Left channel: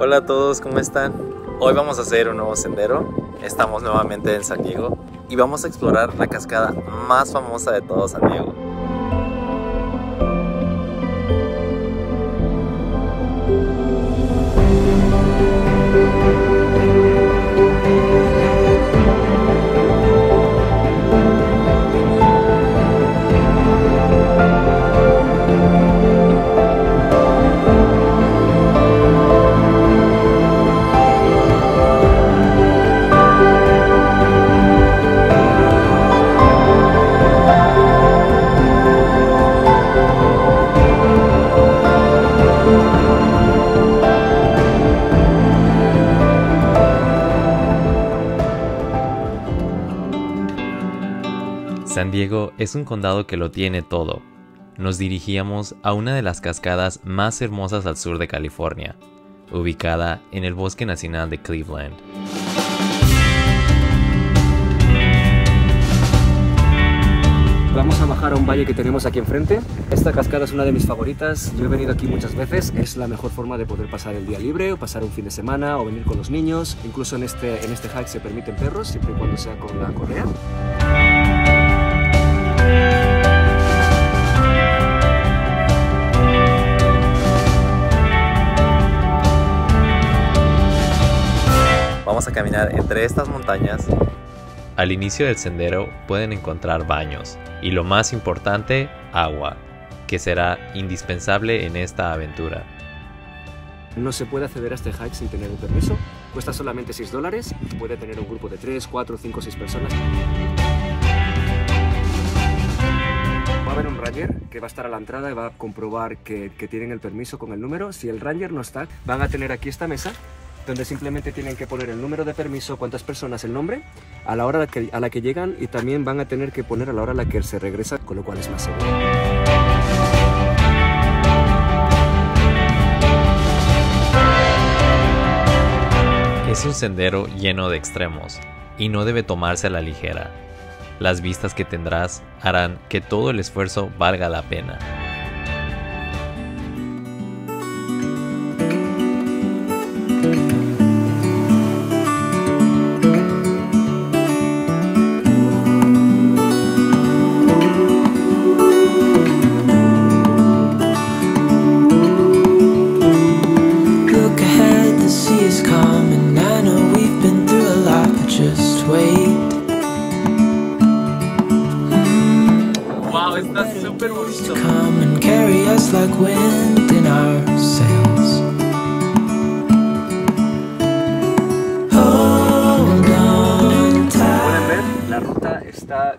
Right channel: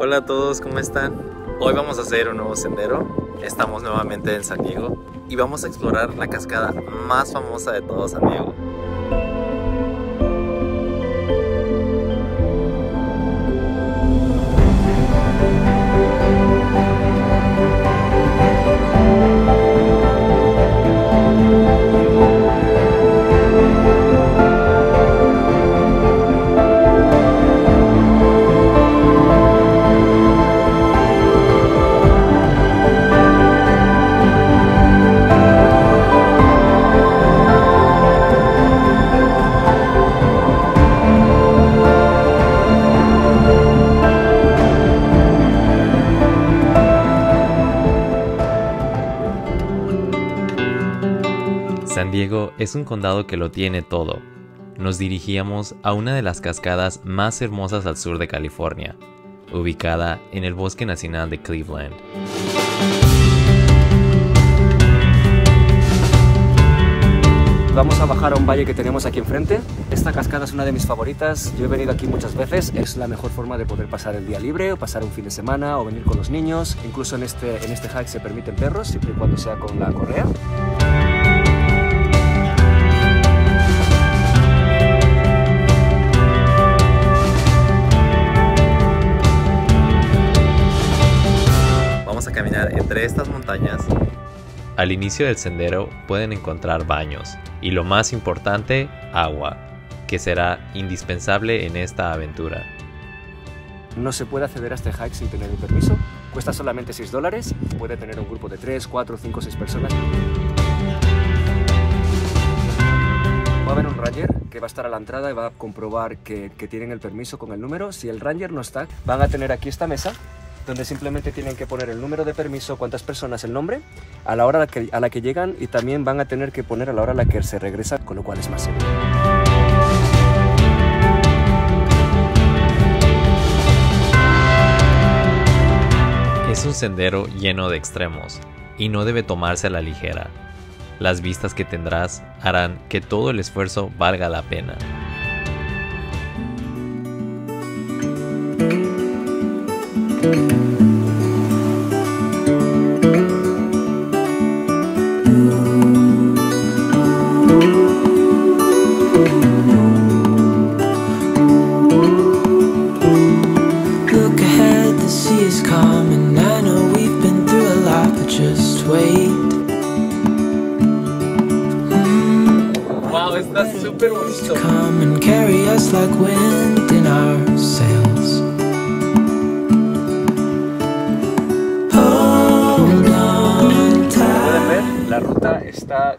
Hola a todos, ¿cómo están? Hoy vamos a hacer un nuevo sendero. Estamos nuevamente en San Diego y vamos a explorar la cascada más famosa de todo San Diego. San Diego es un condado que lo tiene todo. Nos dirigíamos a una de las cascadas más hermosas al sur de California, ubicada en el Bosque Nacional de Cleveland. Vamos a bajar a un valle que tenemos aquí enfrente. Esta cascada es una de mis favoritas. Yo he venido aquí muchas veces. Es la mejor forma de poder pasar el día libre o pasar un fin de semana o venir con los niños. Incluso en este hike se permiten perros, siempre y cuando sea con la correa. Vamos a caminar entre estas montañas. Al inicio del sendero pueden encontrar baños y, lo más importante, agua, que será indispensable en esta aventura. No se puede acceder a este hike sin tener un permiso. Cuesta solamente $6. Puede tener un grupo de 3, 4, 5, 6 personas. Va a haber un ranger que va a estar a la entrada y va a comprobar que tienen el permiso con el número. Si el ranger no está, van a tener aquí esta mesa donde simplemente tienen que poner el número de permiso, cuántas personas, el nombre, a la hora a la que llegan, y también van a tener que poner a la hora a la que se regresa, con lo cual es más seguro. Es un sendero lleno de extremos y no debe tomarse a la ligera. Las vistas que tendrás harán que todo el esfuerzo valga la pena. Look ahead, the sea is calm, and I know we've been through a lot, but just wait. Wow, está súper bonito. Come and carry us like wind in our sails. Hold on tight. La ruta está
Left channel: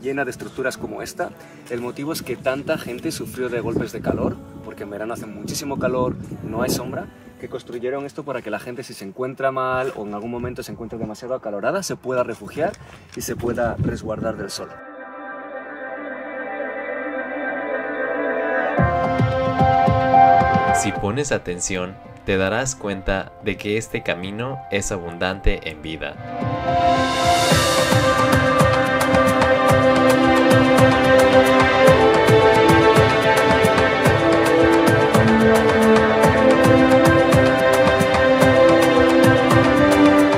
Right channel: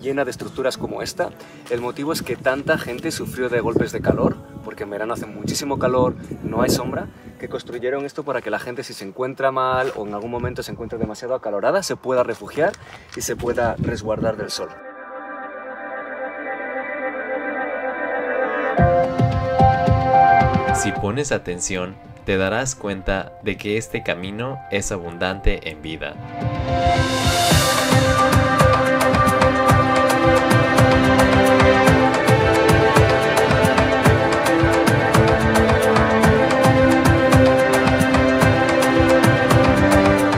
llena de estructuras como esta. El motivo es que tanta gente sufrió de golpes de calor, porque en verano hace muchísimo calor, no hay sombra, que construyeron esto para que la gente, si se encuentra mal o en algún momento se encuentra demasiado acalorada, se pueda refugiar y se pueda resguardar del sol. Si pones atención, te darás cuenta de que este camino es abundante en vida.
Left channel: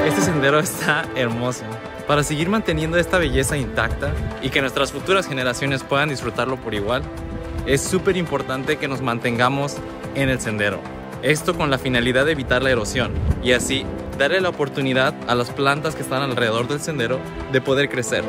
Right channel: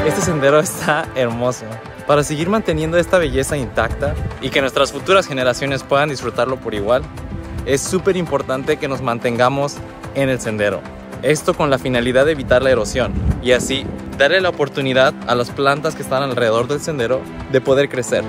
Este sendero está hermoso. Para seguir manteniendo esta belleza intacta y que nuestras futuras generaciones puedan disfrutarlo por igual, es súper importante que nos mantengamos en el sendero. Esto con la finalidad de evitar la erosión y así darle la oportunidad a las plantas que están alrededor del sendero de poder crecer.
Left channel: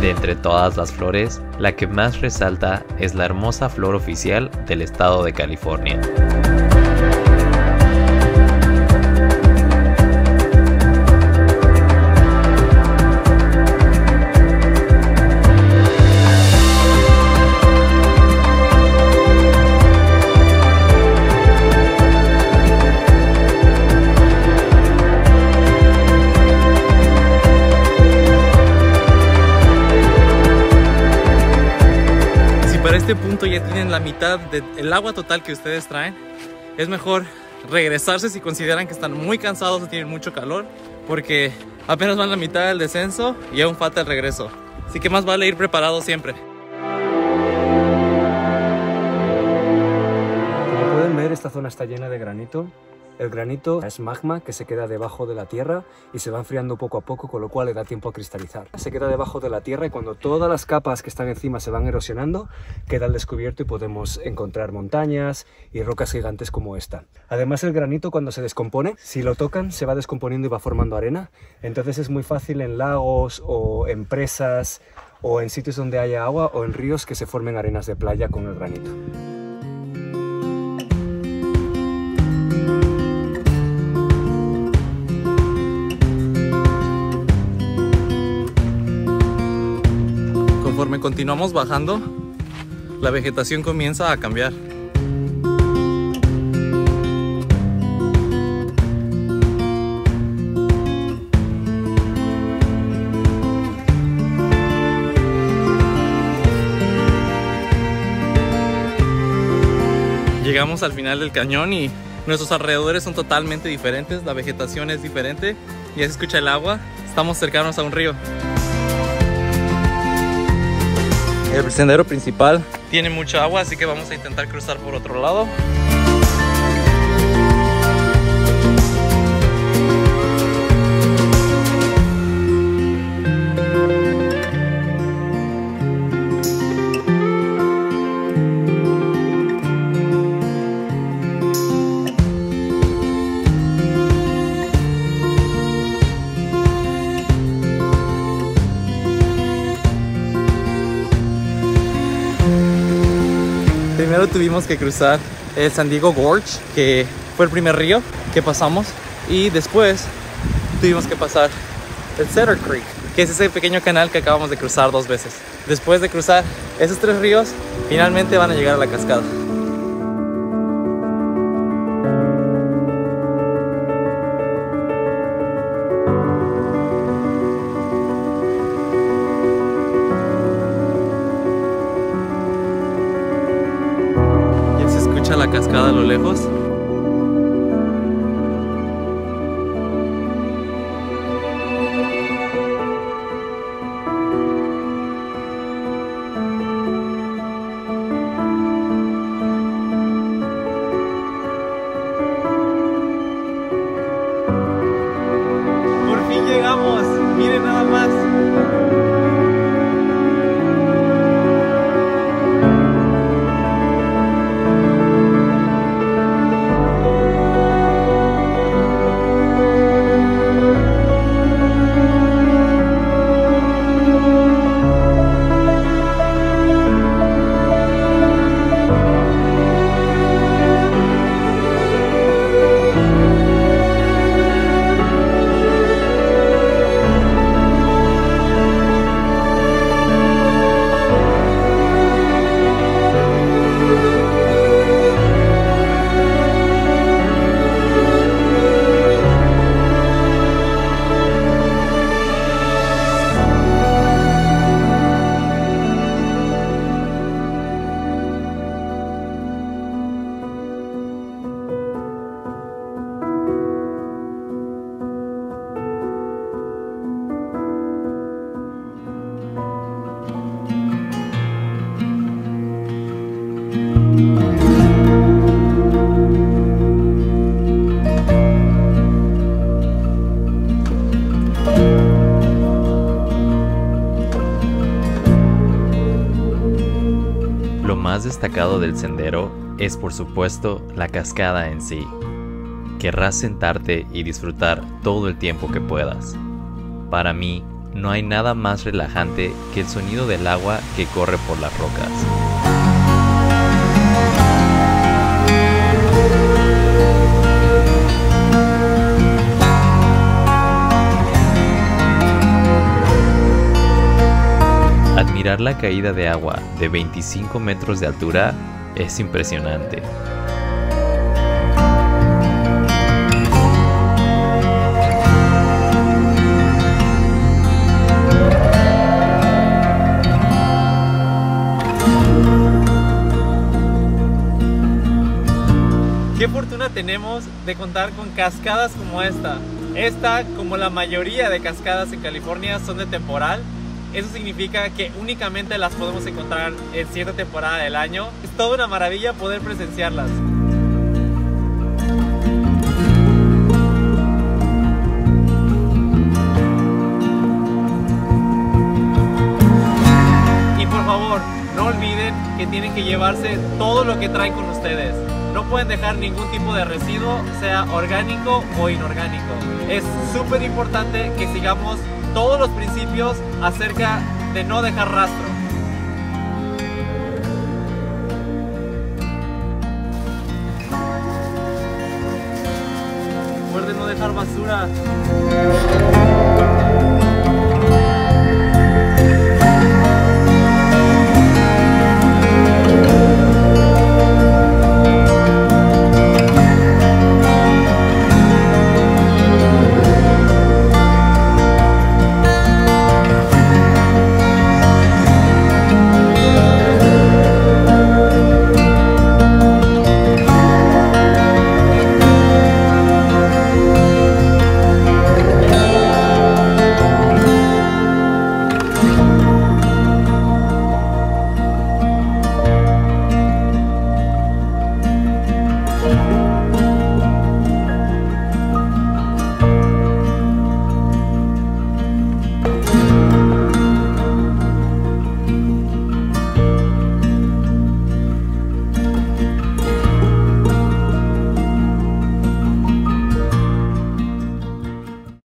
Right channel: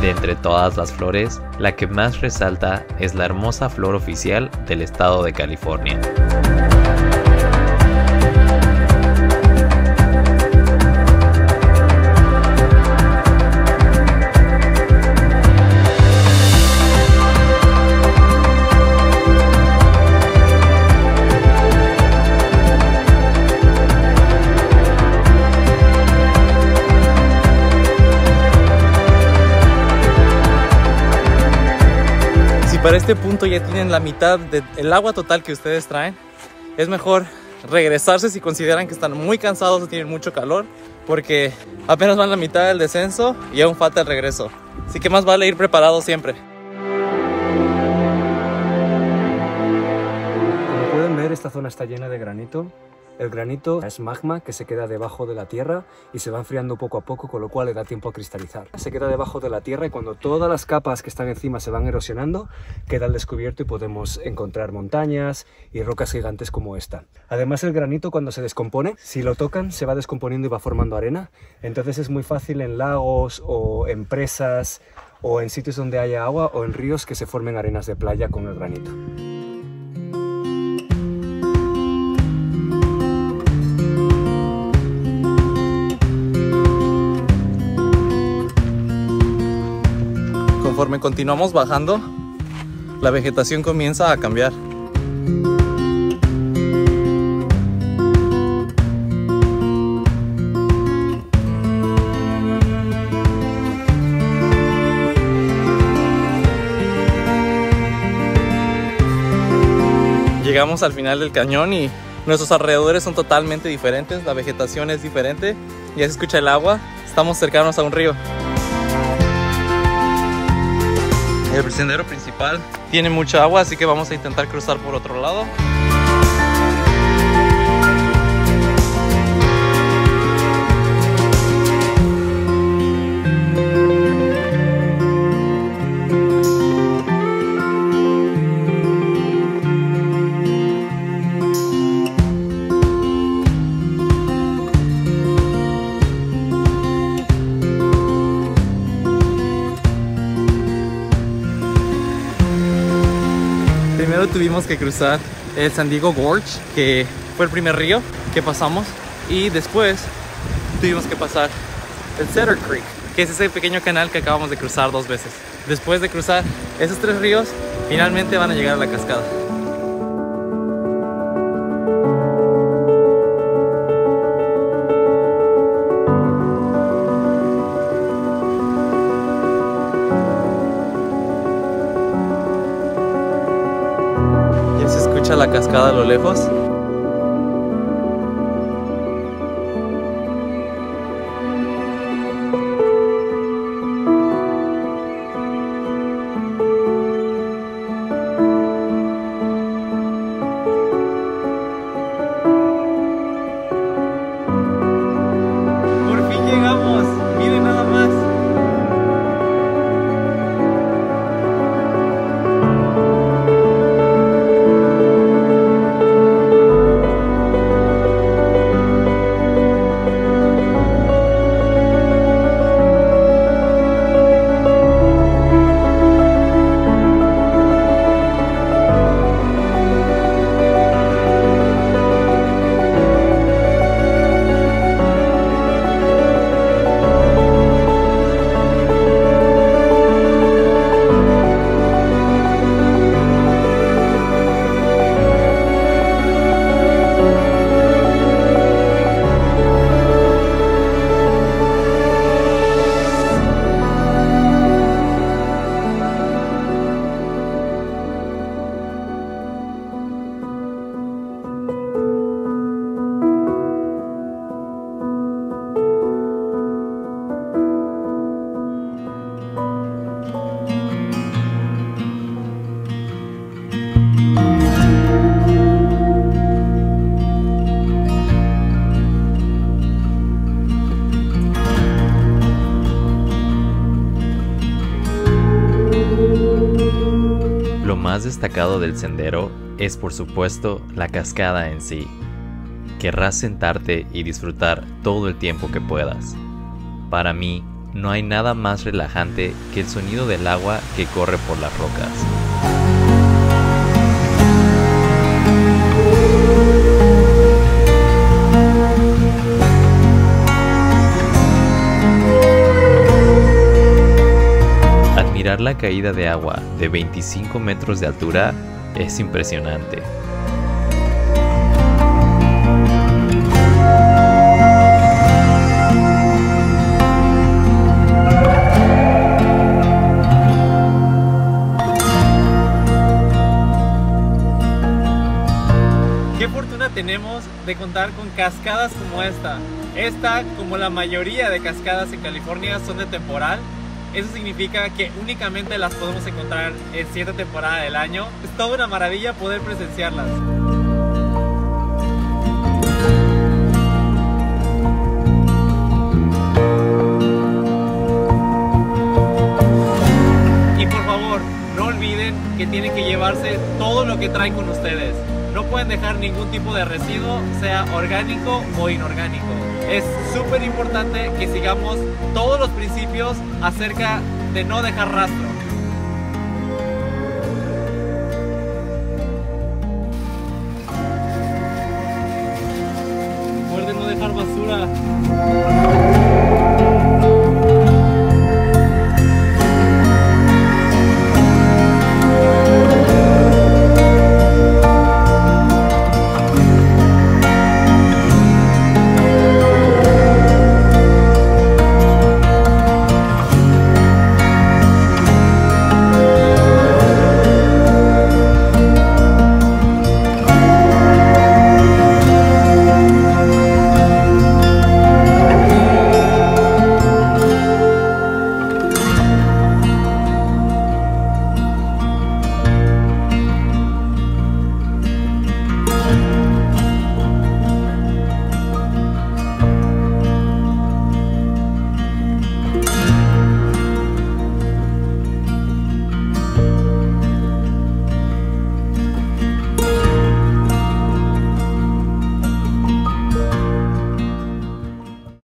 De entre todas las flores, la que más resalta es la hermosa flor oficial del estado de California. Para este punto ya tienen la mitad del agua total que ustedes traen, es mejor regresarse si consideran que están muy cansados o tienen mucho calor, porque apenas van la mitad del descenso y aún falta el regreso. Así que más vale ir preparado siempre. ver, esta zona está llena de granito. El granito es magma que se queda debajo de la tierra y se va enfriando poco a poco, con lo cual le da tiempo a cristalizar. Se queda debajo de la tierra y cuando todas las capas que están encima se van erosionando, queda al descubierto y podemos encontrar montañas y rocas gigantes como esta. Además, el granito, cuando se descompone, si lo tocan se va descomponiendo y va formando arena. Entonces es muy fácil en lagos o en presas o en sitios donde haya agua o en ríos que se formen arenas de playa con el granito. Conforme continuamos bajando, la vegetación comienza a cambiar. Llegamos al final del cañón y nuestros alrededores son totalmente diferentes, la vegetación es diferente, ya se escucha el agua, estamos cercanos a un río. El sendero principal tiene mucha agua, así que vamos a intentar cruzar por otro lado. Primero tuvimos que cruzar el San Diego Gorge, que fue el primer río que pasamos, y después tuvimos que pasar el Cedar Creek, que es ese pequeño canal que acabamos de cruzar 2 veces. Después de cruzar esos 3 ríos, finalmente van a llegar a la cascada. La cascada a lo lejos. Por fin llegamos, miren nada más. Lo más destacado del sendero es, por supuesto, la cascada en sí. Querrás sentarte y disfrutar todo el tiempo que puedas. Para mí, no hay nada más relajante que el sonido del agua que corre por las rocas. Admirar la caída de agua de 25 metros de altura es impresionante. Qué fortuna tenemos de contar con cascadas como esta. Esta, como la mayoría de cascadas en California, son de temporal. Eso significa que únicamente las podemos encontrar en cierta temporada del año. Es toda una maravilla poder presenciarlas. no olviden que tienen que llevarse todo lo que traen con ustedes. No pueden dejar ningún tipo de residuo, sea orgánico o inorgánico. Es súper importante que sigamos todos los principios acerca de no dejar rastro. Recuerden no dejar basura.